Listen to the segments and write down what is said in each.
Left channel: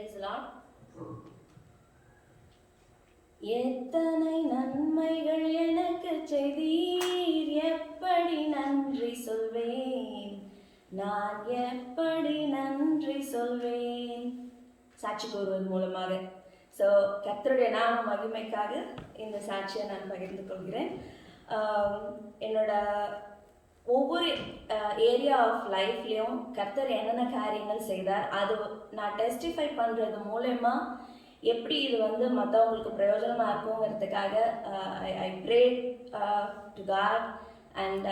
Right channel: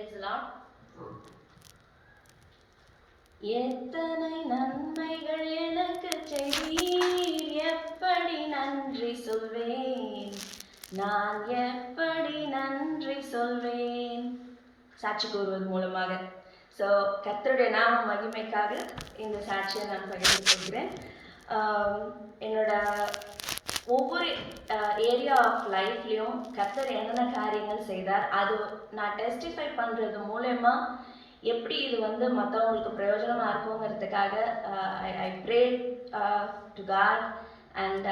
Praise the Lord. எத்தனை நன்மைகள் எனக்கு செய்தீர், எப்படி நன்றி சொல்வேன், நான் எப்படி நன்றி சொல்வேன். சாட்சி கூறுவது மூலமாக. ஸோ கர்த்தருடைய நாம மகிமைக்காக இந்த சாட்சியை நான் பகிர்ந்து கொள்கிறேன். என்னோட ஒவ்வொரு ஏரியா ஆஃப் லைஃப்லேயும் கர்த்தர் என்னென்ன காரியங்கள் செய்தார், அது நான் டெஸ்டிஃபை பண்ணுறது மூலயமா எப்படி இது மற்றவங்களுக்கு பிரயோஜனமாக இருக்குங்கிறதுக்காக I prayed to God and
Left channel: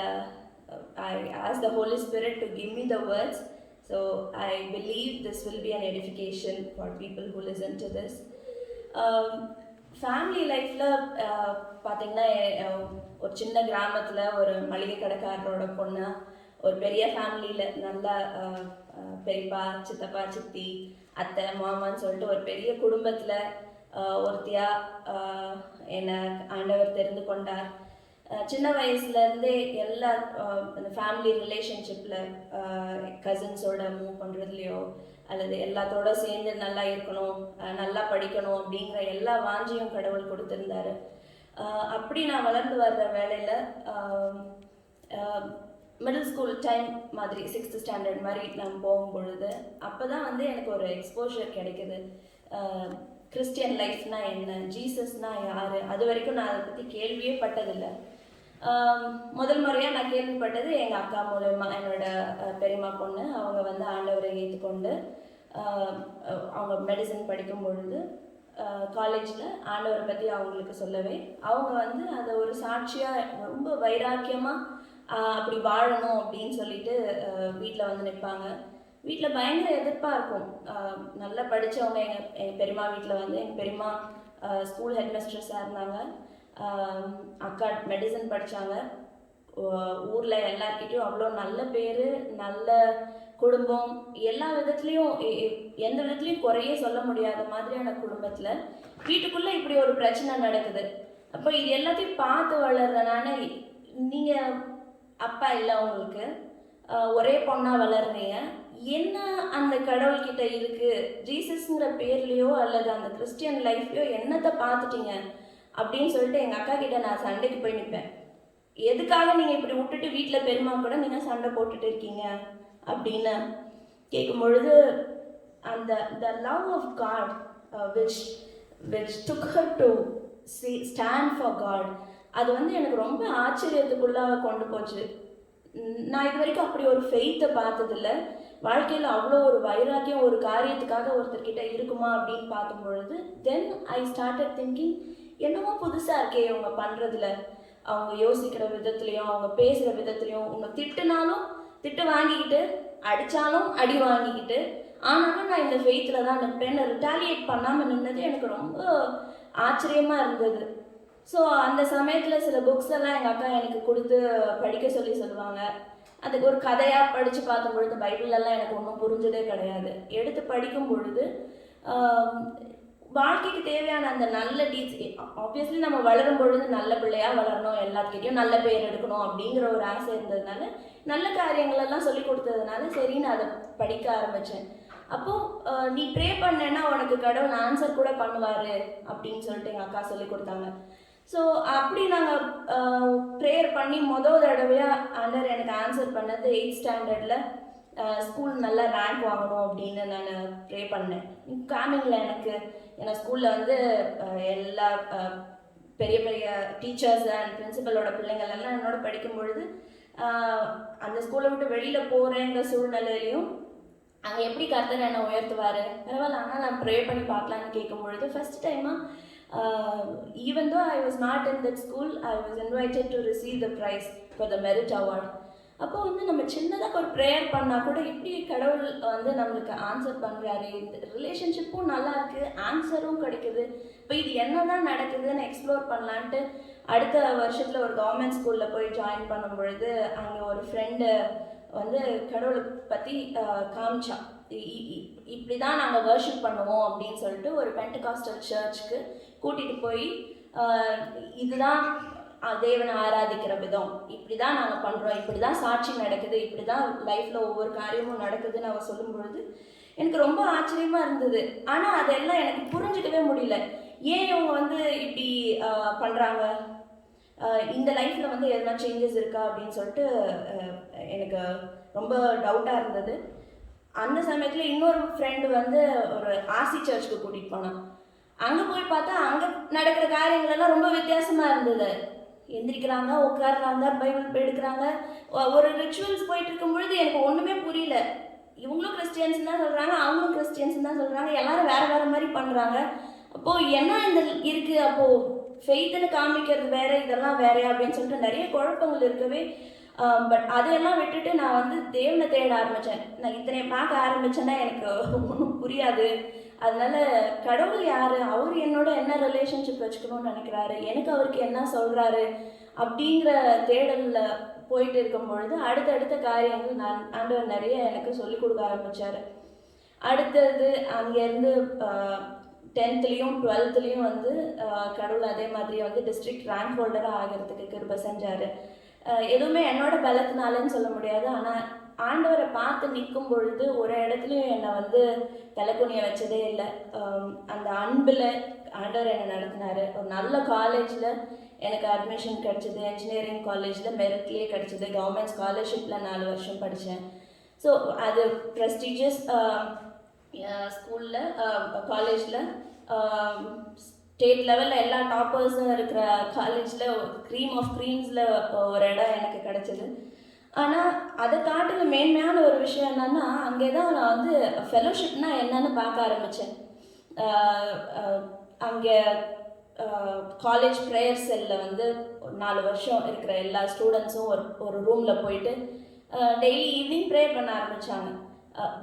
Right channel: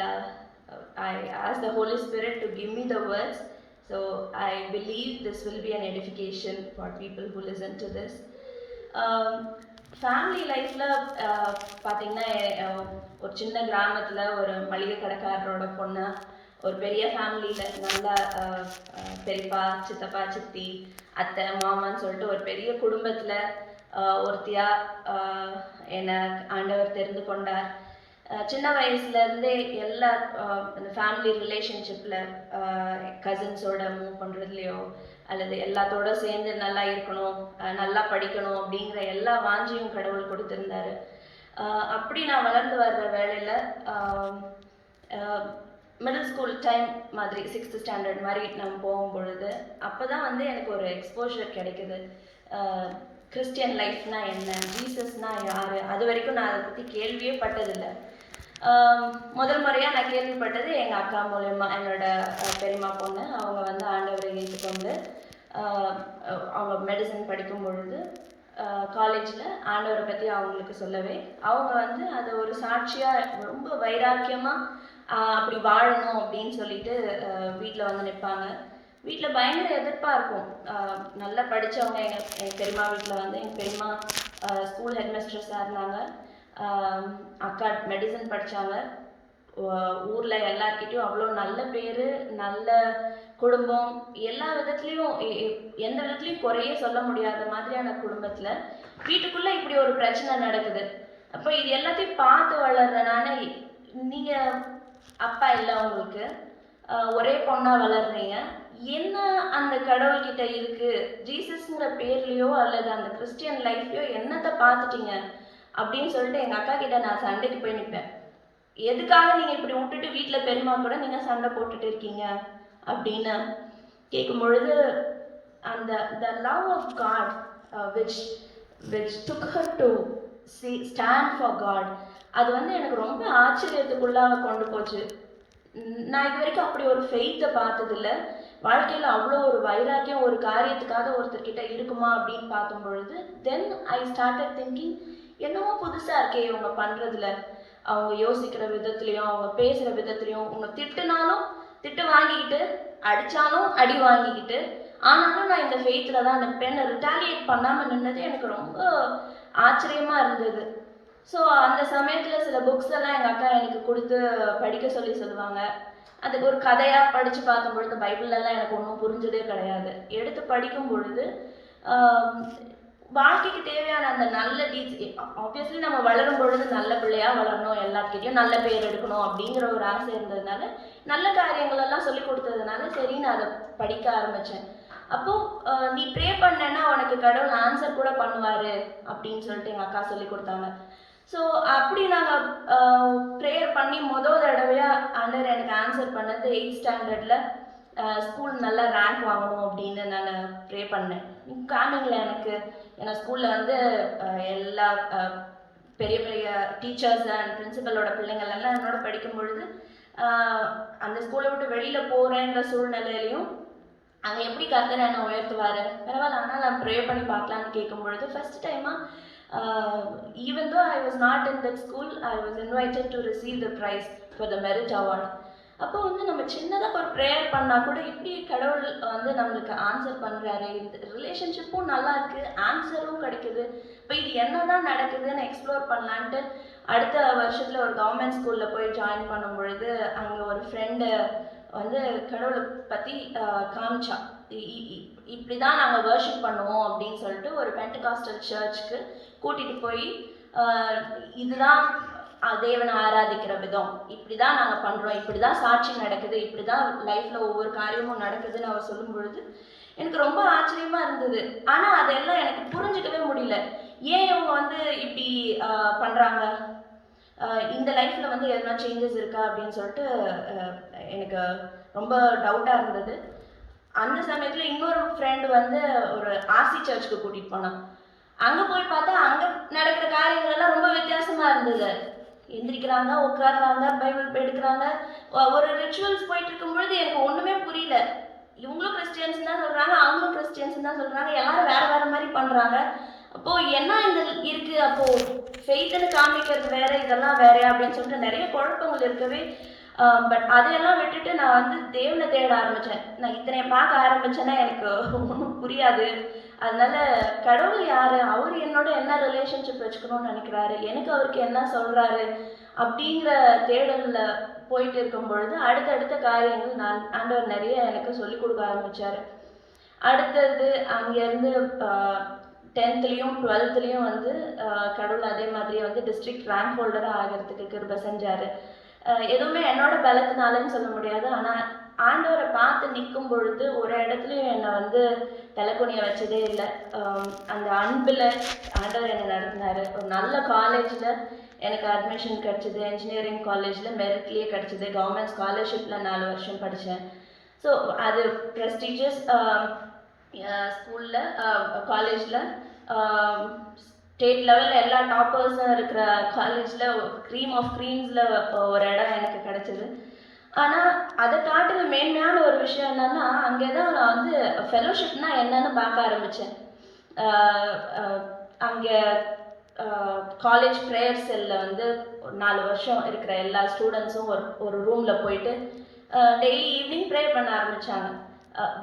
I ask the Holy Spirit to give me the words. So I believe this will be an edification for people who listen to this. Family லைஃப்பில் பார்த்திங்கன்னா ஒரு சின்ன கிராமத்தில் ஒரு மளிகை கடைக்காரரோட பொண்ணு ஒரு பெரிய ஃபேமிலியில் நல்லா பெரியப்பா சித்தப்பா சித்தி அத்தை மாமான்னு சொல்லிட்டு ஒரு பெரிய குடும்பத்தில் ஒருத்தியாக என்னை ஆண்டவர் தெரிந்து கொண்டார். சின்ன வயசுலேருந்தே எல்லா இந்த ஃபேமிலி ரிலேஷன்ஷிப்பில் கசின்ஸோட மூவ் பண்ணுறதுலையோ அல்லது எல்லாத்தோட சேர்ந்து நல்லா இருக்கணும், நல்லா படிக்கணும் அப்படிங்கிற எல்லா வாஞ்சியும் கடவுள் கொடுத்துருந்தாரு. அப்படி நான் வளர்ந்து வர்ற வேலையில் மிடில் ஸ்கூல் டைம் மாதிரி 6th ஸ்டாண்டர்ட் மாதிரி நம்ம போகும் பொழுது அப்போ தான் எனக்கு ஒரு எக்ஸ்போஷர் கிடைக்குது. கிறிஸ்டியன் லைஃப்னா என்ன, ஜீசஸ்னா யார், அது வரைக்கும் நான் அதை பற்றி கேள்வியே பட்டதில்லை. முதல் முறையாக நான் கேள்விப்பட்டது எங்கள் அக்கா மூலயமா. என்னோட பெரியம்மா பொண்ணு அவங்க ஆண்டவரை ஏற்றுக்கொண்டு அவங்க மெடிசன் படிக்கும் பொழுது காலேஜில் ஆண்டவரை பற்றி அவங்களுக்கு சொல்லவே அவங்க அதை ஒரு சாட்சியாக ரொம்ப வைராக்கியமாக அப்படி வாழணும் அப்படின்னு சொல்லிட்டு வீட்டில் நிற்பாங்க. வீட்டில் பயங்கர எதிர்ப்பாக இருக்கும். நல்லா படித்தவங்க எங்கள் பெரியம்மா வீட்டில் எங்கள் பெரியம்மா ஸ்கூல் ஹெட்மிஸ்ட்ரஸாக இருந்தாங்க. அக்கா மெடிசன் படித்தாங்க. ஊரில் எல்லார்கிட்டையும் அவ்வளோ நல்ல பேர், நல்ல குடும்பம், எல்லா விதத்துலேயும் எந்த விதத்துலேயும் குறையே சொல்ல முடியாத மாதிரியான குடும்பத்தில் வீட்டுக்குள்ளே இப்படி ஒரு பிரச்சனை நடக்குது. அப்போ இது எல்லாத்தையும் பார்த்து வளர்றனால நீங்கள் அப்பா இல்லை, உங்களுக்கு ஒரே பொண்ணாக வளர்றீங்க, என்ன அந்த கடவுள்கிட்ட இருக்குது, ஜீசஸ்ங்கிற பேர்லேயோ அல்லது அந்த கிறிஸ்டியன் லைஃப்லையோ என்னத்தை பார்த்துட்டீங்க அப்படின்னு சொல்லிட்டு எங்கள் அக்கா கிட்ட நான் சண்டைக்கு போய் நிற்பேன். எதுக்காக நீங்கள் இப்படி விட்டுட்டு வீட்டில் பெரியம்மா கூட நீங்கள் சண்டை போட்டுட்டு இருக்கீங்க அப்படின்னு கேட்கும் பொழுது அந்த the love of God which took her to stand for God, அது எனக்கு ரொம்ப ஆச்சரியத்துக்குள்ளாக கொண்டு போச்சு. நான் இது வரைக்கும் அப்படி ஒரு ஃபெய்த்தை பார்த்ததில்லை. வாழ்க்கையில் அவ்வளோ ஒரு வைராக்கியம் ஒரு காரியத்துக்காக ஒருத்தர்கிட்ட இருக்குமா அப்படின்னு பார்க்கும் பொழுது தென் ஐ ஸ்டார்டட் திங்கிங், என்னமோ புதுசாக இருக்கே இவங்க பண்ணுறதுல, அவங்க யோசிக்கிற விதத்துலேயும் அவங்க பேசுகிற விதத்துலேயும், அவங்க திட்டுனாலும் திட்டு வாங்கிக்கிட்டு அடித்தாலும் அடி வாங்கிக்கிட்டு, ஆனாலும் நான் இந்த ஃபெய்த்தில் தான் நிற்பேன்னு ரிட்டாலியேட் பண்ணாமல் நின்னது எனக்கு ரொம்ப ஆச்சரியமாக இருந்தது. ஸோ அந்த சமயத்தில் சில புக்ஸ் எல்லாம் எங்கள் அக்கா எனக்கு கொடுத்து படிக்க சொல்லுவாங்க. அதுக்கு ஒரு கதையாக படித்து பார்க்கும் பொழுது பைபிளெல்லாம் எனக்கு ஒன்றும் புரிஞ்சதே கிடையாது. எடுத்து படிக்கும் பொழுது வாழ்க்கைக்கு தேவையான அந்த நல்ல ஆப்வியஸ்லி நம்ம வளரும் பொழுது நல்ல பிள்ளையாக வளரணும், எல்லாத்துக்கிட்டையும் நல்ல பேர் எடுக்கணும் அப்படிங்கிற ஒரு ஆசை இருந்ததுனால நல்ல காரியங்கள் எல்லாம் சொல்லி கொடுத்ததுனால சரி நான் அதை படிக்க ஆரம்பித்தேன். அப்போது நீ ப்ரே பண்ணேன்னா உனக்கு கடவுள் ஆன்சர் கூட பண்ணுவார் அப்படின்னு சொல்லிட்டு எங்கள் அக்கா சொல்லி கொடுத்தாங்க. ஸோ அப்படி நாங்கள் ப்ரேயர் பண்ணி முதல் தடவையாக ஆண்டவர் எனக்கு ஆன்சர் பண்ணது 8th ஸ்டாண்டர்டில் ஸ்கூல் நல்லா ரேங்க் வாங்கணும் அப்படின்னு நான் ப்ரே பண்ணேன். காமிங்கில் எனக்கு ஏன்னா ஸ்கூலில் எல்லா பெரிய பெரிய டீச்சர்ஸ் அண்ட் பிரின்சிபலோட பிள்ளைங்கள் எல்லாம் என்னோட படிக்கும் பொழுது அந்த ஸ்கூலை விட்டு வெளியில் போகிறேங்கிற சூழ்நிலையிலையும் அங்கே எப்படி கர்த்தர் என்னை உயர்த்துவார், பரவாயில்ல ஆனால் நான் ப்ரே பண்ணி பார்க்கலான்னு கேட்கும் பொழுது ஃபஸ்ட் டைமாக even though I was not in that school, I was invited to receive the prize for the merit award. அப்போ நம்ம சின்னதாக ஒரு ப்ரேயர் பண்ணால் கூட இப்படி கடவுள் நம்மளுக்கு ஆன்சர் பண்ணுறாரு, இந்த ரிலேஷன்ஷிப்பும் நல்லா இருக்குது, ஆன்சரும் கிடைக்குது. இப்போ இது என்ன தான் நடக்குதுன்னு எக்ஸ்ப்ளோர் பண்ணலான்ட்டு அடுத்த வருஷத்தில் ஒரு கவர்மெண்ட் ஸ்கூலில் போய் ஜாயின் பண்ணும் பொழுது அங்கே ஒரு ஃப்ரெண்டு கடவுளை பற்றி காமிச்சா, இப்படி தான் நாங்கள் வர்ஷிப் பண்ணுவோம் அப்படின்னு சொல்லிட்டு ஒரு பெண்டகாஸ்டல் சர்ச்சுக்கு கூட்டிகிட்டு போய் இதுதான் தேவனை ஆராதிக்கிற விதம், இப்படி தான் நாங்கள் பண்ணுறோம், இப்படி தான் சாட்சி நடக்குது, இப்படி தான் லைஃப்பில் ஒவ்வொரு காரியமும் நடக்குதுன்னு அவர் சொல்லும் பொழுது எனக்கு ரொம்ப ஆச்சரியமாக இருந்தது. ஆனால் அதெல்லாம் எனக்கு புரிஞ்சிக்கவே முடியல. ஏன் இவங்க வந்து இப்படி பண்ணுறாங்க, இந்த லைஃப்பில் வந்து எதனா சேஞ்சஸ் இருக்கா அப்படின்னு சொல்லிட்டு எனக்கு ரொம்ப டவுட்டாக இருந்தது. அந்த சமயத்தில் இன்னொரு ஃப்ரெண்டு வந்து ஒரு ஆர்சி சர்ச்சுக்கு கூட்டிகிட்டு போனான். அங்கே போய் பார்த்தா அங்கே நடக்கிற காரியங்கள் எல்லாம் ரொம்ப வித்தியாசமாக இருந்தது. எந்திரிக்கிறாங்க, உட்காடுறாங்க, பைபிள் எடுக்கிறாங்க, ஒரு ரிச்சுவல்ஸ் போயிட்டு இருக்கும்பொழுது எனக்கு ஒன்றுமே புரியல. இவங்களும் கிறிஸ்டியன்ஸ் தான் சொல்கிறாங்க, அவங்களும் கிறிஸ்டியன்ஸ் தான் சொல்கிறாங்க, எல்லாரும் வேறு வேறு மாதிரி பண்ணுறாங்க. அப்போது என்ன இந்த இருக்குது, அப்போது ஃபெய்த்துன்னு காமிக்கிறது வேறு, இதெல்லாம் வேறு அப்படின்னு சொல்லிட்டு நிறைய குழப்பங்கள் இருக்கவே, பட் அதையெல்லாம் விட்டுட்டு நான் வந்து தேவனை தேட ஆரம்பித்தேன். நான் இத்தனை பார்க்க ஆரம்பித்தேன்னா எனக்கு ஒன்றும் புரியாது. அதனால கடவுள் யார், அவர் என்னோட என்ன ரிலேஷன்ஷிப் வச்சுக்கணும்னு நினைக்கிறாரு, எனக்கு அவருக்கு என்ன சொல்கிறாரு அப்படிங்கிற தேடலில் போயிட்டு இருக்கும் பொழுது அடுத்தடுத்த காரியங்கள் ஆண்டவர் நிறைய எனக்கு சொல்லிக் கொடுக்க ஆரம்பித்தார். அடுத்தது அங்கேருந்து 10th-லேயும் 12th-லேயும் வந்து கடவுள் அதே மாதிரி வந்து டிஸ்ட்ரிக்ட் ரேங்க் ஹோல்டராக ஆகிறதுக்கு கிருபை செஞ்சார். எதுவுமே என்னோட பலத்தினாலன்னு சொல்ல முடியாது. ஆனால் ஆண்டவரை பார்த்து நிற்கும் பொழுது ஒரு இடத்துலையும் என்னை வந்து தலைக்குனிய வச்சதே இல்லை. அந்த அன்பில் ஆண்டவர் என்னை நடத்தினார். ஒரு நல்ல காலேஜில் எனக்கு அட்மிஷன் கிடச்சிது. இன்ஜினியரிங் காலேஜில் மெரிட்லேயே கிடச்சிது. கவர்மெண்ட் ஸ்காலர்ஷிப்பில் 4 வருஷம் படித்தேன். ஸோ அது ப்ரெஸ்டீஜியஸ் ஸ்கூலில், காலேஜில், ஸ்டேட் லெவலில் எல்லா டாப்பர்ஸும் இருக்கிற காலேஜில் க்ரீம் ஆஃப் க்ரீம்ஸில் ஒரு இடம் எனக்கு கிடச்சிது. ஆனால் அதை காட்டில மேன்மையான ஒரு விஷயம் என்னென்னா, அங்கே தான் நான் வந்து ஃபெலோஷிப்னால் என்னென்னு பார்க்க ஆரம்பித்தேன். அங்கே காலேஜ் ப்ரேயர் செல்லில் வந்து 4 வருஷம் இருக்கிற எல்லா ஸ்டூடெண்ட்ஸும் ஒரு ரூமில் போயிட்டு டெய்லி ஈவினிங் ப்ரே பண்ண ஆரம்பித்தாங்க.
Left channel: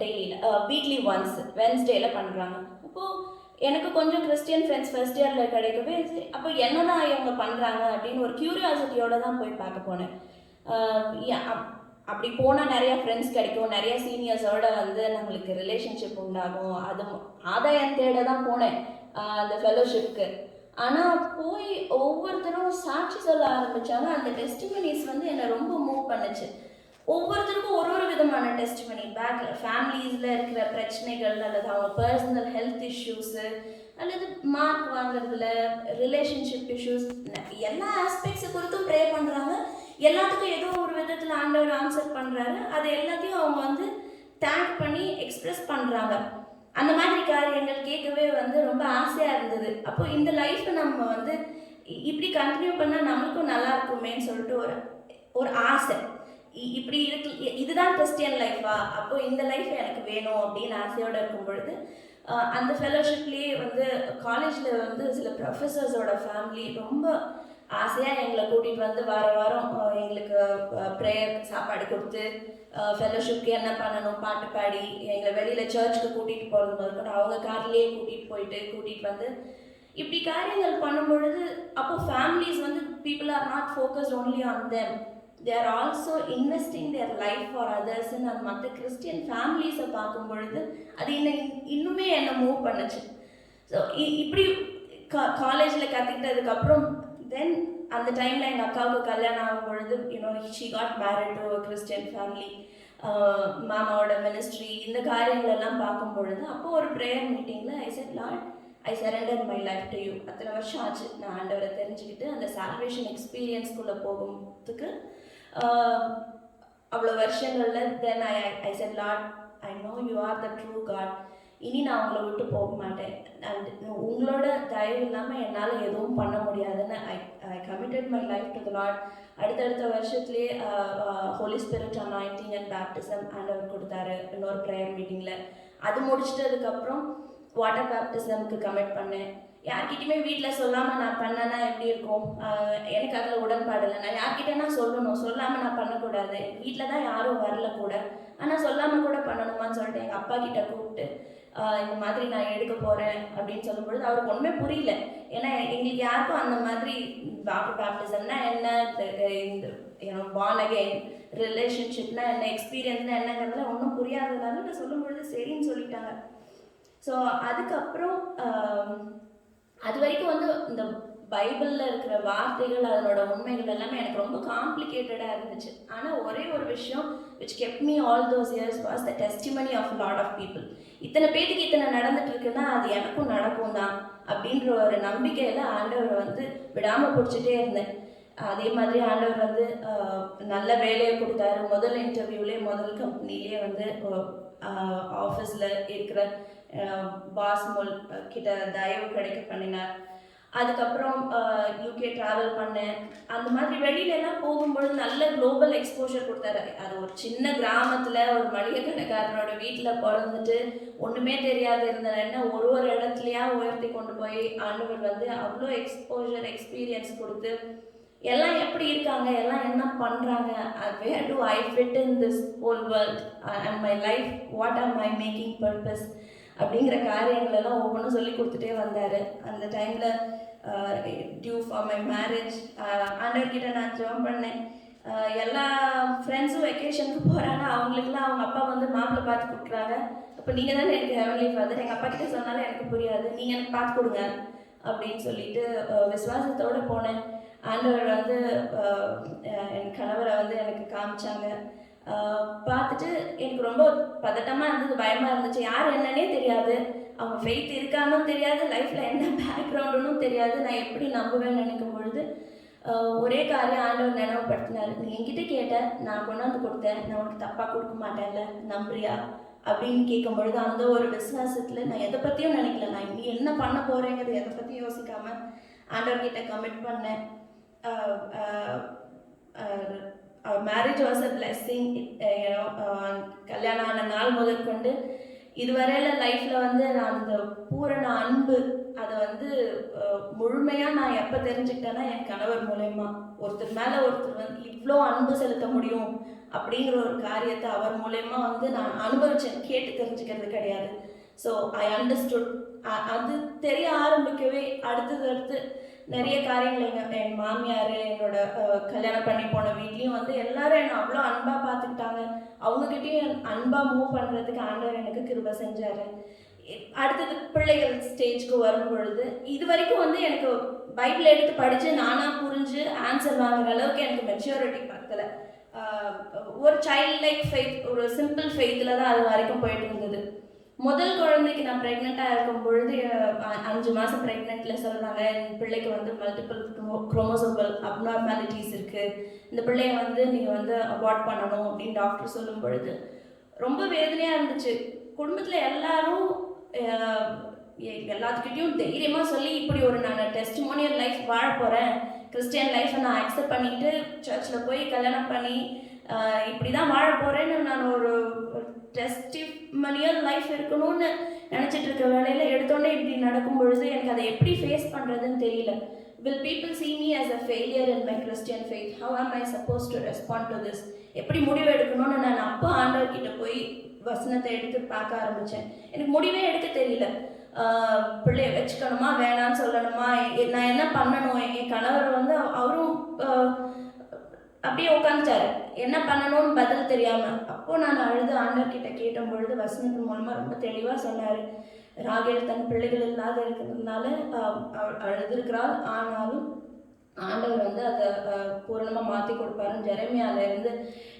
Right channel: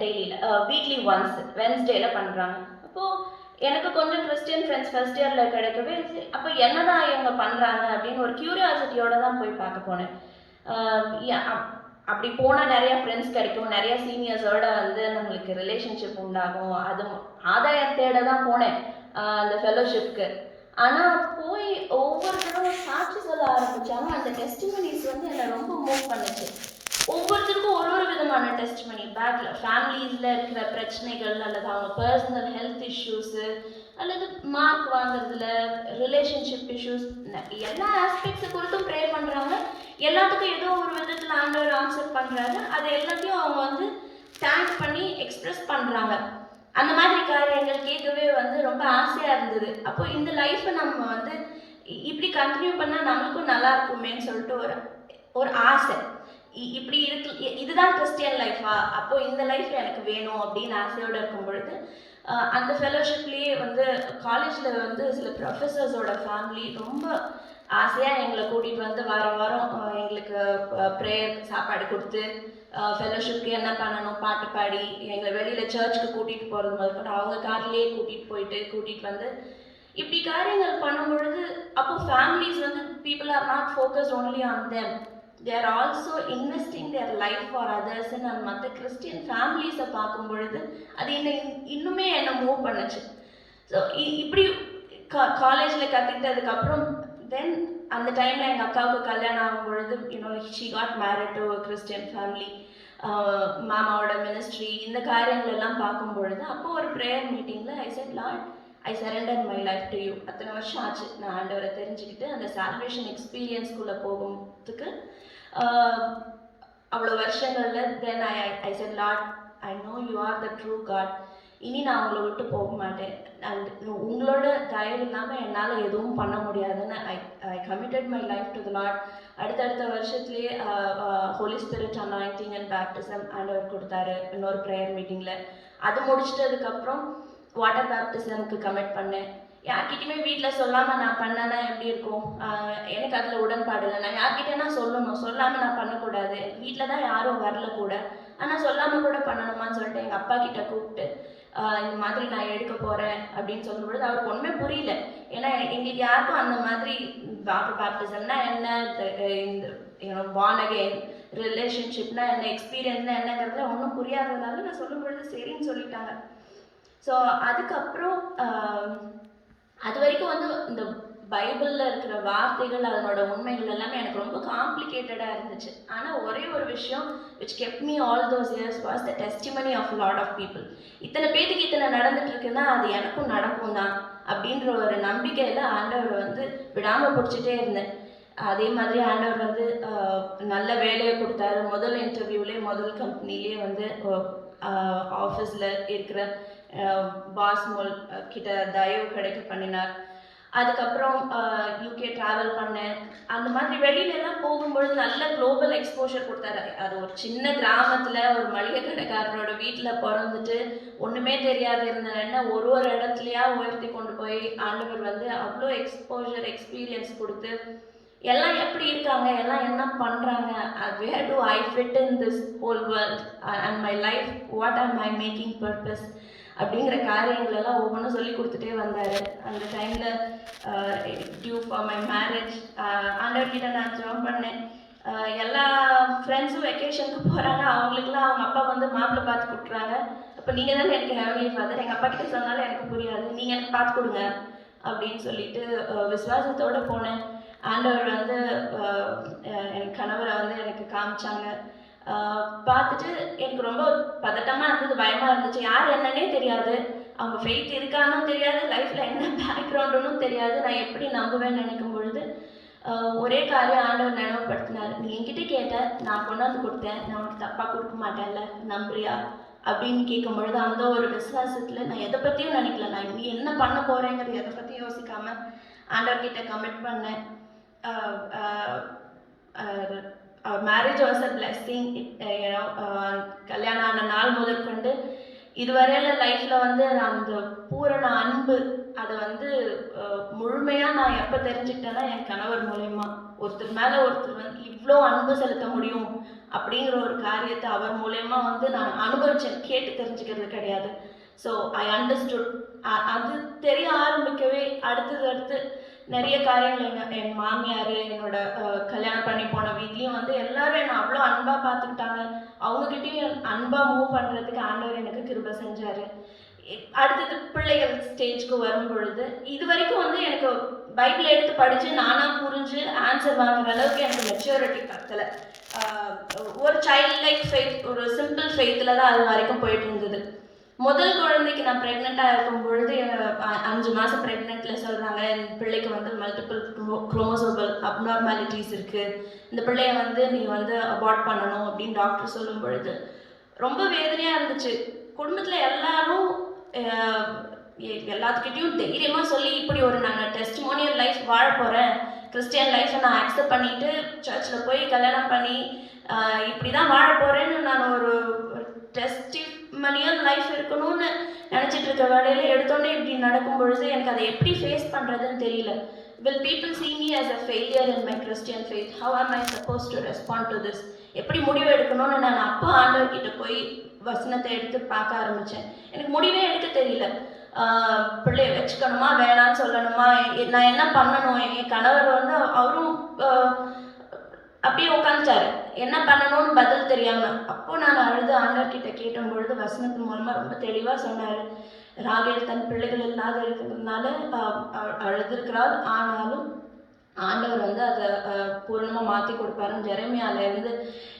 டெய்லியில் வீக்லி ஒன்ஸ் வென்ஸ்டேயில் பண்ணுறாங்க. அப்போது எனக்கு கொஞ்சம் கிறிஸ்டியன் ஃப்ரெண்ட்ஸ் ஃபர்ஸ்ட் இயரில் கிடைக்கவே, அப்போ என்னதான் இவங்க பண்ணுறாங்க அப்படின்னு ஒரு க்யூரியாசிட்டியோடு தான் போய் பார்க்க போனேன். அப்படி போனால் நிறைய ஃப்ரெண்ட்ஸ் கிடைக்கும், நிறைய சீனியர்ஸோட வந்து நம்மளுக்கு ரிலேஷன்ஷிப் உண்டாகும், அது ஆதாயம் தேட தான் போனேன் அந்த ஃபெலோஷிப்க்கு. ஆனால் போய் ஒவ்வொருத்தரும் சாட்சி சொல்ல ஆரம்பித்தாங்க. அந்த டெஸ்டிமனிஸ் வந்து என்னை ரொம்ப மூவ் பண்ணுச்சு. ஒவ்வொருத்தருக்கும் ஒரு ஒரு விதமான டெஸ்டிமனி, பேக்கில் ஃபேமிலிஸில் இருக்கிற பிரச்சனைகள், அல்லது அவங்க பர்சனல் ஹெல்த் இஷ்யூஸு, அல்லது மார்க் வாங்குறதுல ரிலேஷன்ஷிப் இஷ்யூஸ், எல்லா ஆஸ்பெக்ட்ஸை குறித்தும் ப்ரே பண்ணுறாங்க. எல்லாத்துக்கும் ஏதோ ஒரு விதத்தில் ஆண்டவர் ஆன்சர் பண்ணுறாரு. அது எல்லாத்தையும் அவங்க வந்து தேங்க் பண்ணி எக்ஸ்ப்ரெஸ் பண்ணுறாங்க. அந்த மாதிரி காரியங்கள் கேட்கவே வந்து ரொம்ப ஆசையாக இருந்தது. அப்போ இந்த லைஃப்பை நம்ம வந்து இப்படி கண்டினியூ பண்ணால் நம்மளுக்கும் நல்லா இருக்குமேன்னு சொல்லிட்டு ஒரு ஆசை. இப்படி இருக்கு, இதுதான் கிறிஸ்டியன் லைஃபா, அப்போ இந்த லைஃப் எனக்கு வேணும் அப்படின்னு ஆசையோடு இருக்கும் பொழுது அந்த ஃபெலோஷிப்லேயே வந்து காலேஜில் வந்து சில ப்ரொஃபஸர்ஸோட ஃபேமிலி ரொம்ப ஆசையாக எங்களை கூட்டிகிட்டு வந்து வாரம் எங்களுக்கு ப்ரேயர் சாப்பாடு கொடுத்து ஃபெலோஷிப்க்கு என்ன பண்ணணும் பாட்டு பாடி எங்களை வெளியில் சர்ச்சுக்கு கூட்டிகிட்டு போகிறது முதல்கொண்டு அவங்க கார்லேயே கூட்டிகிட்டு வந்து இப்படி காரியங்கள் பண்ணும் பொழுது அப்போ ஃபேமிலிஸ் வந்து people are not focused only on them, they are also investing their life for others. And மற்ற கிறிஸ்டியன் ஃபேமிலிஸை பார்க்கும் பொழுது அது இன்னுமே என்னை மூவ் பண்ணுச்சு. ஸோ இப்படி காலேஜில் கற்றுக்கிட்டதுக்கப்புறம் தென் அந்த டைமில் எங்கள் அக்காவுக்கு கல்யாணம் ஆகும் பொழுது she got married to a Christian family. மாமாவோட மினிஸ்ட்ரி இந்த காரியங்கள் எல்லாம் பார்க்கும் பொழுது அப்போது ஒரு ப்ரேயர் மீட்டிங்கில் I said, Lord, I surrendered my life to you. அத்தனை வருஷம் ஆச்சு நான் ஆண்டவரை தெரிஞ்சுக்கிட்டு அந்த சால்வேஷன் எக்ஸ்பீரியன்ஸ்குள்ளே போகிறதுக்கு. அவ்வளோ வருஷங்களில் தென் I said, Lord, I know you are the true God. இனி நான் உங்களை விட்டு போக மாட்டேன். அண்ட் உங்களோட தயவு இல்லாமல் என்னால் எதுவும் பண்ண முடியாதுன்னு I committed my life to the Lord. அடுத்தடுத்த வருஷத்துலேயே Holy Spirit anointing and baptism ஆண்டவர் கொடுத்தாரு இன்னொரு ப்ரேயர் மீட்டிங்கில். அது முடிச்சிட்டதுக்கப்புறம் வாட்டர் பேப்டிசம்க்கு கமிட் பண்ணேன். யார்கிட்டையுமே வீட்டில் சொல்லாமல் நான் பண்ணேன்னா எப்படி இருக்கும், எனக்கு அதில் உடன்பாடு இல்லை. நான் யார்கிட்டேனா சொல்லணும், சொல்லாமல் நான் பண்ணக்கூடாது. வீட்டில் தான் யாரும் வரல கூட, ஆனால் சொல்லாமல் கூட பண்ணணுமான்னு சொல்லிட்டு எங்கள் அப்பா கிட்ட கூப்பிட்டு இந்த மாதிரி நான் எடுக்க போகிறேன் அப்படின்னு சொல்லும்பொழுது அவருக்கு ஒன்றுமே புரியல. ஏன்னா எங்களுக்கு யாருக்கும் அந்த மாதிரி வாட்டர் பேப்டிசம்னா என்ன, இந்த born again ரிலேஷன்ஷிப்னா என்ன, எக்ஸ்பீரியன்ஸ்னா என்னங்கிறதுல ஒன்றும் புரியாததுனால நான் சொல்லும்பொழுது சரின்னு சொல்லிட்டாங்க. ஸோ அதுக்கப்புறம் அது வரைக்கும் வந்து இந்த பைபிளில் இருக்கிற வார்த்தைகள் அதனோட உண்மைகள் எல்லாமே எனக்கு ரொம்ப காம்ப்ளிகேட்டடாக இருந்துச்சு. ஆனால் ஒரே ஒரு விஷயம் which kept me all those years was the testimony of a lot of people. இத்தனை பேத்துக்கு இத்தனை நடந்துட்டு இருக்குன்னா அது எனக்கும் நடக்கும் தான் அப்படின்ற ஒரு நம்பிக்கையில் ஆண்டவரை வந்து விடாமல் பிடிச்சிட்டே இருந்தேன். அதே மாதிரி ஆண்டவர் வந்து நல்ல வேலையை கொடுத்தாரு. முதல் இன்டர்வியூலேயே முதல் கம்பெனிலேயே வந்து ஆஃபீஸில் இருக்கிற பாஸ் கிட்ட தயவு கிடைக்க பண்ணினார். அதுக்கப்புறம் யூகே ட்ராவல் பண்ணேன். அந்த மாதிரி வெளியிலலாம் போகும்பொழுது நல்ல குளோபல் எக்ஸ்போஷர் கொடுத்தாரு. அது ஒரு சின்ன கிராமத்தில் ஒரு மளிகை கடைக்காரனோட வீட்டில் பிறந்துட்டு ஒன்றுமே தெரியாது இருந்தேன்னா ஒரு இடத்துலையா உயர்த்தி கொண்டு போய் ஆண்டவர் வந்து அவ்வளோ எக்ஸ்போஷர் எக்ஸ்பீரியன்ஸ் கொடுத்து எல்லாம் எப்படி இருக்காங்க, எல்லாம் என்ன பண்ணுறாங்க, where do I fit in this whole world and my life, what are my making purpose அப்படிங்கிற காரியங்களெல்லாம் ஒவ்வொன்றும் சொல்லி கொடுத்துட்டே வந்தார். அந்த டைமில் டியூ ஃபார் மை மேரேஜ் ஆண்டவர்கிட்ட நான் ஜெபம் பண்ணேன். எல்லா ஃப்ரெண்ட்ஸும் வெக்கேஷனுக்கு போகிறாங்க, அவங்களுக்குலாம் அவங்க அப்பா வந்து மாப்பிள்ளை பார்த்து கொடுக்குறாங்க. அப்போ நீங்கள் தானே எனக்கு ஹெவன்லி ஃபாதர், எங்கள் அப்பா கிட்ட சொன்னாலும் எனக்கு புரியாது, நீங்கள் எனக்கு பார்த்து கொடுங்க அப்படின்னு சொல்லிட்டு விசுவாசத்தோடு போனேன். ஆண்டவர் வந்து என் கணவரை வந்து எனக்கு காமிச்சாங்க. பார்த்துட்டு எனக்கு ரொம்ப பதட்டமாக இருந்தது, பயமாக இருந்துச்சு. யார் என்னன்னே தெரியாது, அவங்க ஃபெய்த் இருக்கான்னு தெரியாது, லைஃப்பில் என்ன பேக்ரவுண்டுன்னு தெரியாது. நான் எப்படி நம்புவேன்னு நினைக்கும் பொழுது ஒரே காரியம் ஆண்டவர் நினைவுபடுத்தினார். நீ என்கிட்ட கேட்ட, நான் கொண்டாந்து கொடுத்தேன், நான் உனக்கு தப்பாக கொடுக்க மாட்டேன்ல, நம்புறியா அப்படின்னு கேட்கும் பொழுது அந்த ஒரு விசுவாசத்தில் நான் எதை பற்றியும் நினைக்கல. நான் நீ என்ன பண்ண போகிறேங்கிறது எதை பற்றியும் யோசிக்காமல் ஆண்டவர்கிட்ட கமிட் பண்ணேன். Our marriage was a blessing. கல்யாணம் ஆன நாள் முதற்கொண்டு இதுவரையில் லைஃப்பில் வந்து அந்த பூரண அன்பு அதை வந்து முழுமையாக நான் எப்போ தெரிஞ்சுக்கிட்டேன்னா என் கணவர் மூலயமா. ஒருத்தர் மேலே ஒருத்தர் வந்து இவ்வளோ அன்பு செலுத்த முடியும் அப்படிங்கிற ஒரு காரியத்தை அவர் மூலயமா வந்து நான் அனுபவிச்சேன், கேட்டு தெரிஞ்சுக்கிறது கிடையாது. So I understood. அது தெரிய ஆரம்பிக்கவே அடுத்து நிறைய காரியங்கள் என் மாமியார், என்னோட கல்யாணம் பண்ணி போன வீட்லேயும் வந்து எல்லாரும் என்னை அவ்வளோ அன்பாக பார்த்துக்கிட்டாங்க. அவங்கக்கிட்டையும் அன்பாக மூவ் பண்ணுறதுக்கு ஆண்டவர் எனக்கு கிருபை செஞ்சார். அடுத்தது பிள்ளைகள் ஸ்டேஜ்க்கு வரும் பொழுது இது வரைக்கும் வந்து எனக்கு பைபிள் எடுத்து படித்து நானாக புரிஞ்சு ஆன்சர் வாங்குற அளவுக்கு எனக்கு மெச்சூரிட்டி பத்தலை. ஒரு சைல்ட் லைக் ஃபெய்த், ஒரு சிம்பிள் ஃபெய்த்தில் தான் அது வரைக்கும் போயிட்டு இருந்தது. முதல் குழந்தைக்கு நான் ப்ரெக்னெண்ட்டாக இருக்கும் பொழுது 5 மாதம் ப்ரெக்னெண்ட்டில் சொல்கிறாங்க, என் பிள்ளைக்கு வந்து மல்டிபிள் குரோமோசோமல் அப்நார்மாலிட்டிஸ் இருக்குது, இந்த பிள்ளைய வந்து நீ வந்து அபார்ட் பண்ணணும் அப்படின்னு டாக்டர் சொல்லும் பொழுது ரொம்ப வேதனையாக இருந்துச்சு. குடும்பத்தில் எல்லாரும் எல்லாத்துக்கிட்டையும் தைரியமாக சொல்லி இப்படி ஒரு நான் டெஸ்டிமோனியல் லைஃப் வாழ போகிறேன், கிறிஸ்டியன் லைஃப்பை நான் அக்செப்ட் பண்ணிவிட்டு சர்ச்சில் போய் கல்யாணம் பண்ணி இப்படி தான் வாழ போகிறேன்னு நான் ஒரு டெஸ்டிமோனியல் லைஃப் இருக்கணும்னு நினச்சிட்டு இருக்க வேலையில் எடுத்தோடனே இப்படி நடக்கும் பொழுது எனக்கு அதை எப்படி ஃபேஸ் பண்ணுறதுன்னு தெரியல. Will people see me as a failure in my Christian faith? How am I supposed to respond to this? எப்படி முடிவு எடுக்கணும்னு நான் அப்போ ஆண்டவர்கிட்ட போய் வசனத்தை எடுத்து பார்க்க ஆரம்பித்தேன். எனக்கு முடிவே எடுக்க தெரியல. பிள்ளைய வச்சுக்கணுமா வேணான்னு சொல்லணுமா, நான் என்ன பண்ணணும். என் கணவர் வந்து அவரும் அப்படியே உட்காந்துட்டாரு, என்ன பண்ணணும்னு பதில் தெரியாமல். அப்போது நான் அழுது ஆண்டவர்கிட்ட கேட்டும் பொழுது வசனத்தின் மூலமாக ரொம்ப தெளிவாக சொன்னார். ராகேல் தன் பிள்ளைகள் இல்லாத இருக்கிறதுனால அழுதுருக்கிறாள், ஆனாலும் ஆண்டவர் வந்து அதை பூர்ணமாக மாற்றி கொடுப்பாருன்னு ஜெரமியாவிலேருந்து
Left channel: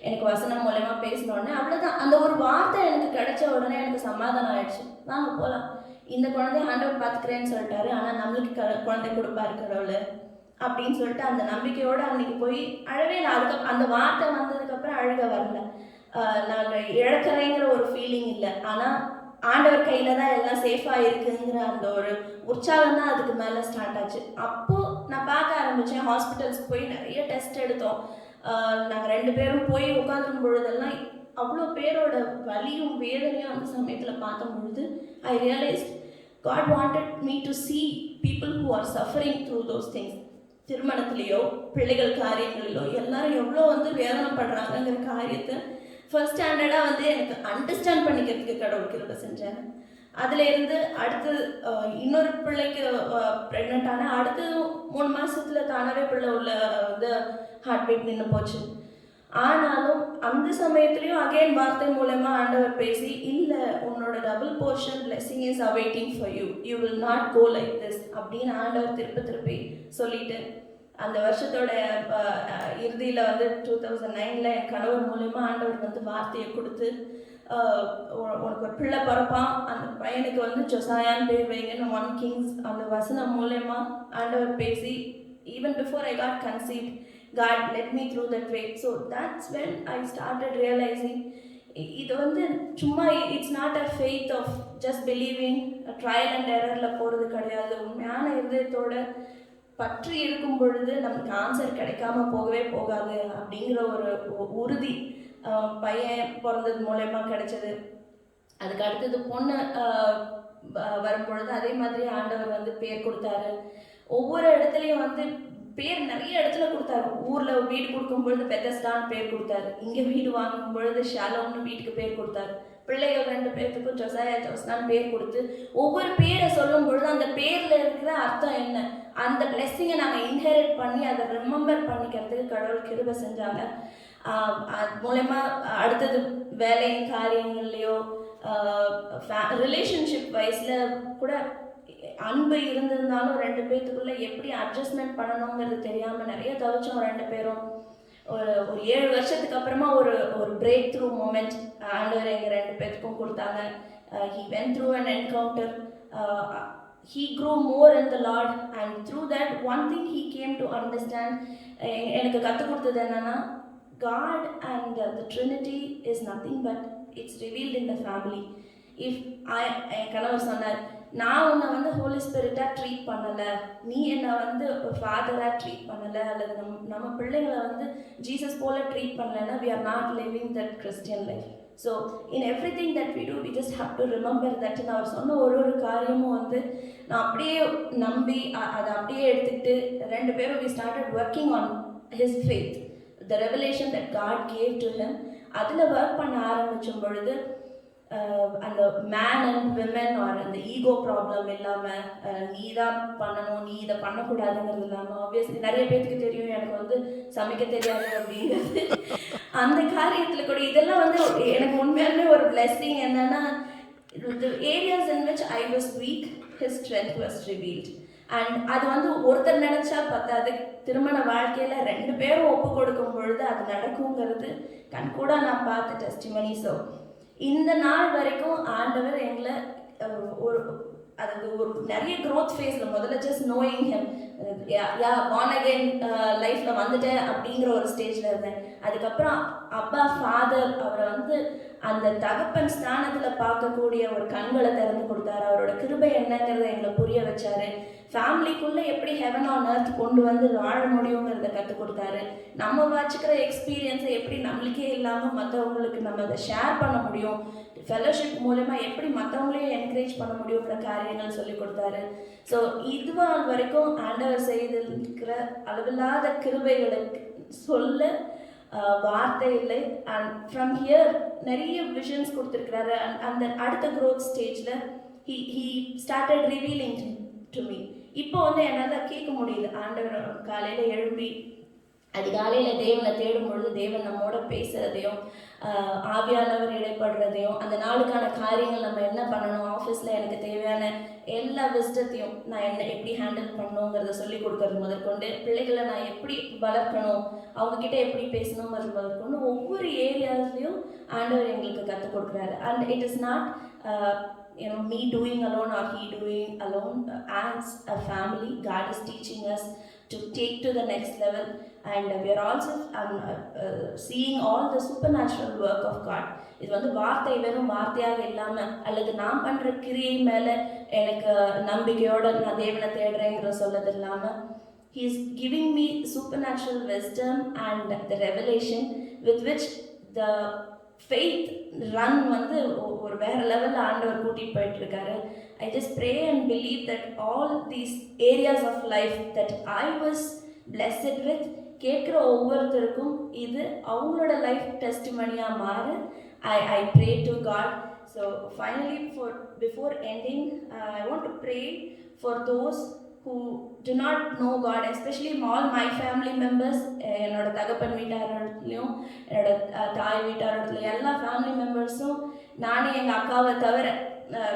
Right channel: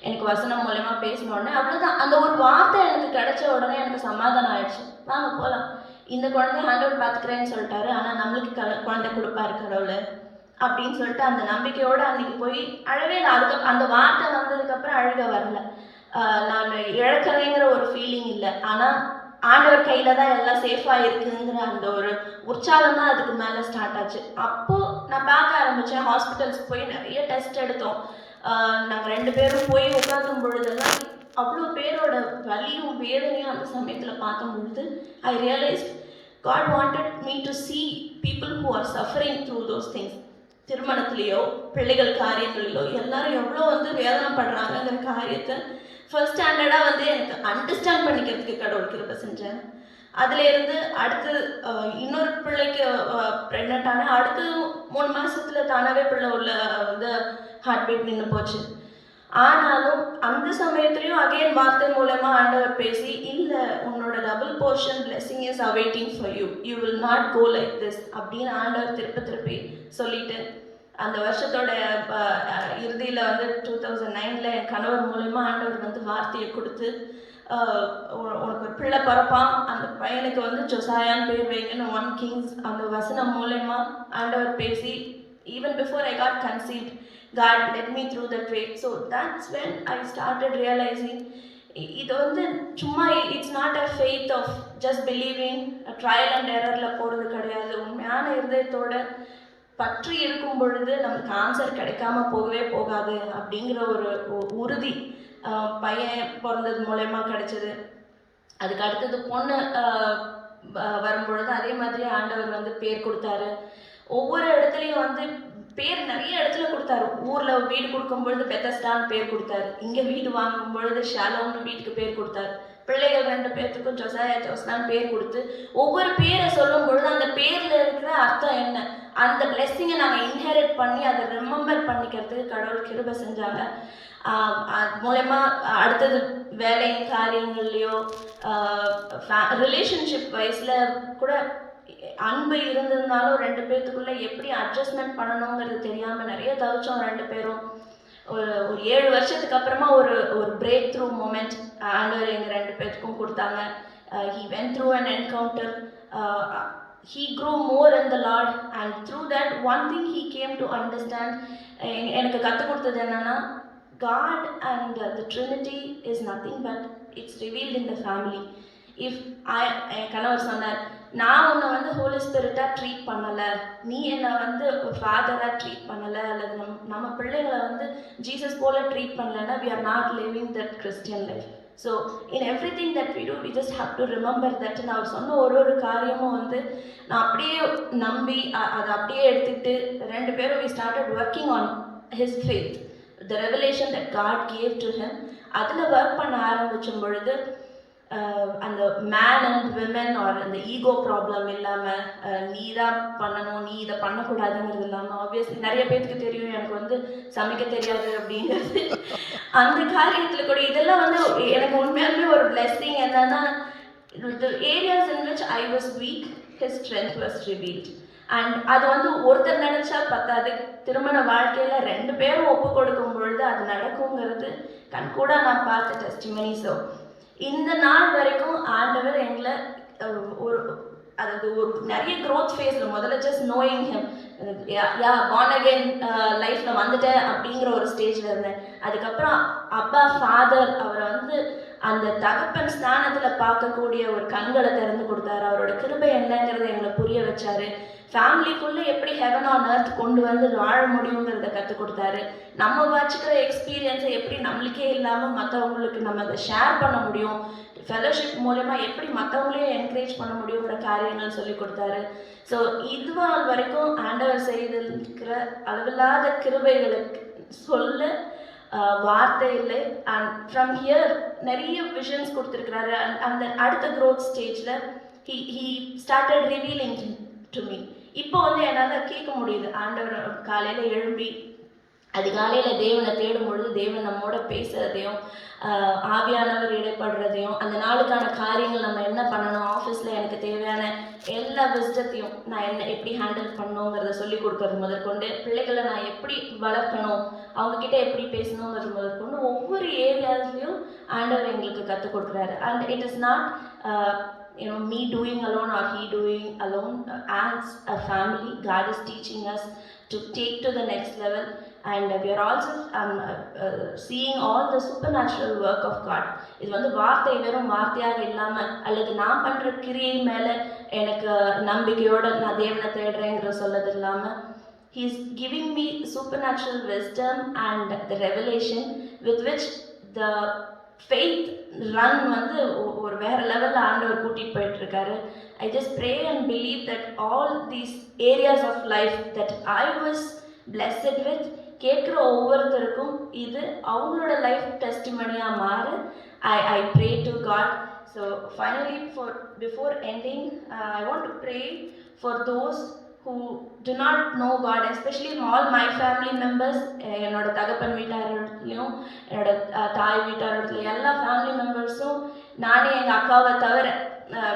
எனக்கு வசனம் மூலமாக பேசினோடனே அவ்வளோதான். அந்த ஒரு வார்த்தை எனக்கு கிடைச்ச உடனே எனக்கு சமாதானம் ஆயிடுச்சு. வாங்க போகலாம், இந்த குழந்தைய ஆண்டவர் பார்த்துக்கிறேன்னு சொல்லிட்டாரு, ஆனால் நம்மளுக்கு குழந்தை கொடுப்பாரு கடவுள் அப்படின்னு சொல்லிட்டு அந்த நம்பிக்கையோடு அன்றைக்கி போய் அழவே இல்லை. அதுக்கப்புறம் அந்த வார்த்தை வந்ததுக்கப்புறம் அழுக வரல. நான் இழக்கிறேங்கிற ஒரு ஃபீலிங் இல்லை, ஆனால் ஆண்டவர் கையில் தான் எல்லாம் சேஃபாக இருக்குங்கிற அந்த ஒரு உற்சாகம் தான் அதுக்கு மேலே ஸ்டார்ட் ஆச்சு. அப்போது நான் பார்க்க ஆரம்பித்தேன். ஹாஸ்பிட்டல்ஸ்க்கு போய் நிறைய டெஸ்ட் எடுத்தோம். நாங்கள் 2 பேரும் போய் உட்காந்தும் பொழுதெல்லாம் அவ்வளோ பேரோட வலியும் வேதனையும் அந்த சமயத்தில் பார்க்கும் பொழுது I realised God wanted me to see people who are suffering through those things. திருமணத்துலேயோ பிள்ளைகள் காரியங்களிலோ எல்லாரும் எவ்வளோ வந்து வேதனைப்படுறாங்கிற காரியத்தை ஃபர்ஸ்ட் ஸ்டாண்டர்டாக வந்து எனக்கு அண்டர்ஸ்டாண்ட் பண்ணிக்கிறதுக்கு கடவுள் கிருபை செஞ்சேன். அதுலேருந்து அடுத்து இன்னொரு பிள்ளைக்கு ப்ரெக்னென்ட் ஆனால் அடுத்து 3 மாதத்தில் தானாகவே பிள்ளை உள்ள வந்து ஹார்ட் பீட் நின்று போச்சு. ஆனாலும் அந்த சமயத்துலேயும் அகைன் வார்த்தை மூலமாக ஆண்டவர் பேசி, இல்லை உன்னோட double portion blessing is awaiting for you, you will not go like this அப்படின்னு ஆண்டவர் திருப்பி சொல்லிட்டு அந்த வருஷத்தோட இறுதியில் வந்து 2009 என் கணவர் மூலயமா ஆண்டவர் வந்து வார்த்தையை கொடுத்து உனக்கு ஒரு பிள்ளை பிறப்பான், அந்த பையனுக்கு வந்து ஜொசாயான்னு பேர் வைங்கன்னு 1 Kings அந்த வசனம் மூலயமா ஆண்டவர் பேசி, even before I got conceived God led me through that way. So that's when I started realizing இது வந்து சும்மா it's not a faith of just believing trial and எரரில் போகிறது கிடையாது. உண்மையான இருதயத்தோட பற்றி இருக்கும் பொழுது நமக்கு ஆன்சர் கிடைக்காம போகவே போகாது அப்படிங்கிற ஒரு உறுதி பையன் பிறந்தது மூலயமா கிடைச்சது. அதுக்கு அடுத்தது பொண்ணு வரும்பொழுது அதே மாதிரி ஆண்டவர் வந்து பேர் கொடுத்தாரு. ஒவ்வொரு இடத்துலையும் வந்து பேர் நிறைய இடத்துல கொடுத்தாரு. ஊரில் வீடு கொடுக்கும்பொழுது பெத்தஸ்டான்னு பேர் கொடுத்தாரு, இங்கே வீடு வாங்கும் பொழுது ஷாலோன்னு வீட்டுக்கு பேர் கொடுத்தாரு. பிள்ளைகள் 2 பேர்த்துக்கும் ஜொசாயா ஜோஸ்னான்னு பேர் கொடுத்து ஒவ்வொரு பேரை சொல்லும் பொழுது அந்த பேரில் இருக்கிற அர்த்தம் என்ன, அந்த பிளெஸ்ஸிங்கை நாங்கள் இன்ஹெரிட் பண்ணி அதை ரிமெம்பர் பண்ணிக்கிறதுக்கு கடவுள் கிருபை செஞ்சாங்க. அது மூலயமா அடுத்தது வேலை காரியங்கள்லையோ ரிலேஷன்ஷிப் வைஸில் கூட அன்பு இருந்திருந்தாலும் 2 பேர்த்துக்குள்ளே எப்படி அட்ஜஸ்ட்மெண்ட் பண்ணணுங்கிறது தெரியாமல் நிறைய தவிச்சோம் 2 பேரும். ஒரு 7 வருஷத்துக்கு அப்புறமா ஒரு பிரேக் த்ரூ மூமெண்ட் ஆண்டவர் எங்கள் 2 பேர்த்துக்கும் கொடுத்தாங்க. he went through an encounter. He grew more in the Lord, and through that one thing he came to understand. எனக்கு கற்றுக் கொடுத்தது என்னன்னா, God and the Trinity is nothing but it's revealed in the family. If என் கணவர் சொன்னார், நான் உன்னை வந்து Holi ஸ்பிரிட்டாக treat பண்ணலை, நீ என்னை வந்து ஒரு ஃபாதராக ட்ரீட் பண்ணலை, அல்லது நம்ம பிள்ளைங்களை வந்து ஜீசஸ் போல ட்ரீட் பண்ணலைன்னா we are not living that Christian life. So in everything that we do we just have to remember that. நான் அவர் சொன்ன ஒரு காரியமும் வந்து நான் அப்படியே நம்பி அதை அப்படியே எடுத்துக்கிட்டு 2 பேரும் we started working on his faith, the revelation that God gave to him. அதில் ஒர்க் பண்ண ஆரம்பிச்சும் பொழுது அந்த மேன் அண்ட் விமன் ஆர் அந்த ஈகோ ப்ராப்ளம் இல்லாமல் நீ தான் பண்ணணும், நீ இதை பண்ணக்கூடாதுங்கிறது இல்லாமல், ஆப்வியஸ்லி நிறைய பேருக்கு தெரியும் எனக்கு வந்து சமைக்க தெரியாது அப்படிங்கிறது. அந்த காரியத்தில் கூட இதெல்லாம் வந்து எனக்கு உண்மையாலுமே ஒரு பிளெஸ்ஸிங். என்னன்னா, the areas in which I was weak, his strength was revealed. And அது வந்து ஒருத்தர் நினைச்சா பத்தாது, திருமண வாழ்க்கையில் 2 பேரும் ஒப்பு கொடுக்கும் பொழுது அது நடக்குங்கிறது கண்கூட நான் பார்த்த டெஸ்டிமனி. ஸோ இந்த நாள் வரைக்கும் ஆண்டவர் எங்களை ஒரு நிறைய க்ரோத் ஃபேஸில் முதல்ல just knowing him, born again லைஃப்பில் வந்துட்டேன் அப்படிங்கிற ஒரு ஸ்டேஜில் இருந்தேன். அதுக்கப்புறம் அப்பா ஃபாதர் அவரை வந்து அந்த தகப்பன் ஸ்தானத்தில் பார்க்கக்கூடிய ஒரு கண்களை திறந்து கொடுத்தாரு. அவரோட கிருபை என்னங்கிறத எங்களை புரிய வச்சாரு. ஃபேமிலிக்குள்ளே எப்படி ஹெவன் ஆன் எர்த் கொண்டு வந்து வாழ முடியுங்கிறத கற்றுக் கொடுத்தாரு. நம்ம வச்சுக்கிற எக்ஸ்பீரியன்ஸை எப்படி நம்மளுக்கே இல்லாமல் மற்றவங்களுக்கு நம்ம அதை ஷேர் பண்ண முடியும், ஃபெலோஷிப் மூலமா எப்படி மற்றவங்களையும் என்கரேஜ் பண்ண முடியுங்கிற காரியங்கள் சொல்லி கொடுத்தாரு. ஸோ இதுவான வரைக்கும் ஆண்டவர் செய்திருக்கிற அளவில்லாத கிருபைகளுக்கு சொல்ல வார்த்தை இல்லை. அண்ட் ஃப்ரம் ஹியர் நிறைய விஷன்ஸ் கொடுத்துருக்கிறாரு. அண்ட் அந்த அடுத்த க்ரோத் ஸ்டேஜில் he started revealing to me. இப்போ வந்து என்னால் கேட்க முடியுது, ஆண்டவர் காலையில் எழும்பி அதிகாலையில் தேவனை தேடும் பொழுது தேவன் நம்மோட பேசுகிறதையும் ஆவியானவர் இடைப்படுறதையும் அந்த நாளுக்கான காரியங்கள் நம்ம என்ன பண்ணணும், ஆஃபீஸில் எனக்கு தேவையான எல்லா விஸ்டத்தையும் நான் என்ன எப்படி ஹேண்டில் பண்ணணுங்கிறத சொல்லி கொடுக்கறது முதற்கொண்டு, பிள்ளைகளை நான் எப்படி வளர்க்கணும், அவங்கக்கிட்ட எப்படி பேசணுங்கிறது முதற்கொண்டு ஒவ்வொரு ஏரியாஸ்லையும் ஆண்டவர் எங்களுக்கு கற்றுக் கொடுக்குறாரு. And it is not me doing alone or he doing alone. As a family, God is teaching us to take to the next level, and we are also seeing all the supernatural work of God. இது வந்து வார்த்தை வெறும் வார்த்தையாக இல்லாமல் அல்லது நான் பண்ணுற கிரியை மேலே எனக்கு நம்பிக்கையோடு நான் தேவனை தேடுறேங்கிற சொல்லது இல்லாமல், he is giving me supernatural wisdom and the revelation with which the faith run வந்து ஒரு வேறு லெவலில் ஆண்டவர் கூட்டிகிட்டு போயிட்டுருக்காரு. I just pray and believe that all these areas of life that I was blessed with கேட்குற ஒவ்வொருத்தருக்கும் இது அவங்களோட லைஃப் டெஸ்டிமனியாக மாறு. I pray to God. So finally before ending I want to pray for those who do not know God, especially all my family members. என்னோட தகப்பன் வீட்டாரத்துலேயும் என்னோட தாய் வீட்டாரத்துலையும் எல்லா ஃபேமிலி மெம்பர்ஸும் நானே எங்கள் அக்காவை தவிர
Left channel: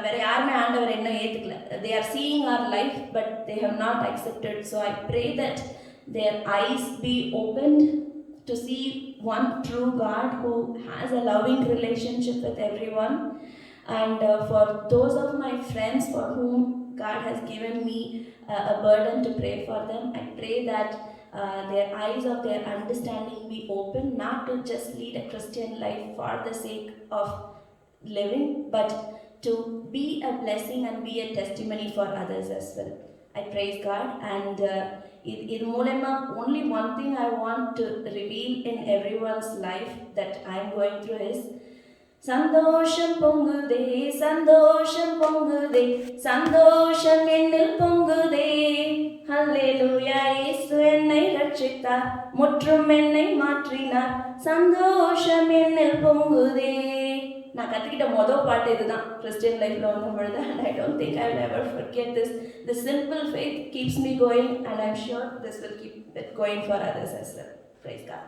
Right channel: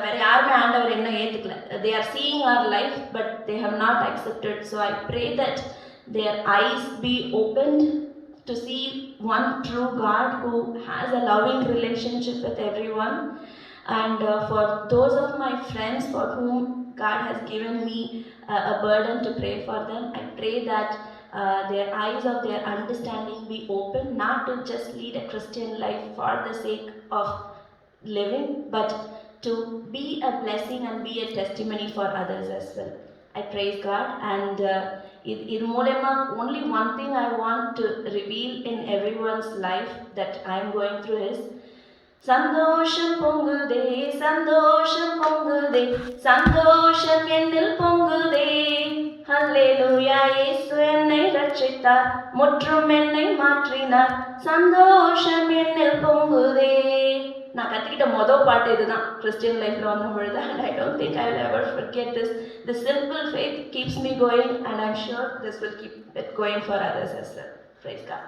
வேறு யாருமே ஆண்டவர் இன்னும் ஏற்றுக்கல. they are seeing our life but they have not accepted. So I pray that their eyes be opened to see one true God who has a loving relationship with everyone. And for those of my friends for whom God has given me a burden to pray for them, I pray that their eyes of their understanding be open, not to just lead a Christian life for the sake of living, but to be a blessing and be a testimony for others as well. I praise God. And இது மூலமா only one thing I want to reveal in everyone's life that I am going through is சந்தோஷம் பொங்குதே, சந்தோஷம் பொங்குதே, சந்தோஷம் என்னில் பொங்குதே. ஹல்லேலூயா, இயேசு என்னை ரட்சித்தார், முற்றும் என்னை மாற்றினார், சந்தோஷம் என்னில் பொங்குதே. நான் கற்றுக்கிட்ட மொதல் பாட்டு இதுதான் கிறிஸ்டியன் லைஃப்பில் வந்த பொழுது. And I don't think I will ever forget this. The simple faith keeps me going, and I am sure this will keep it going for others as well. Praise God.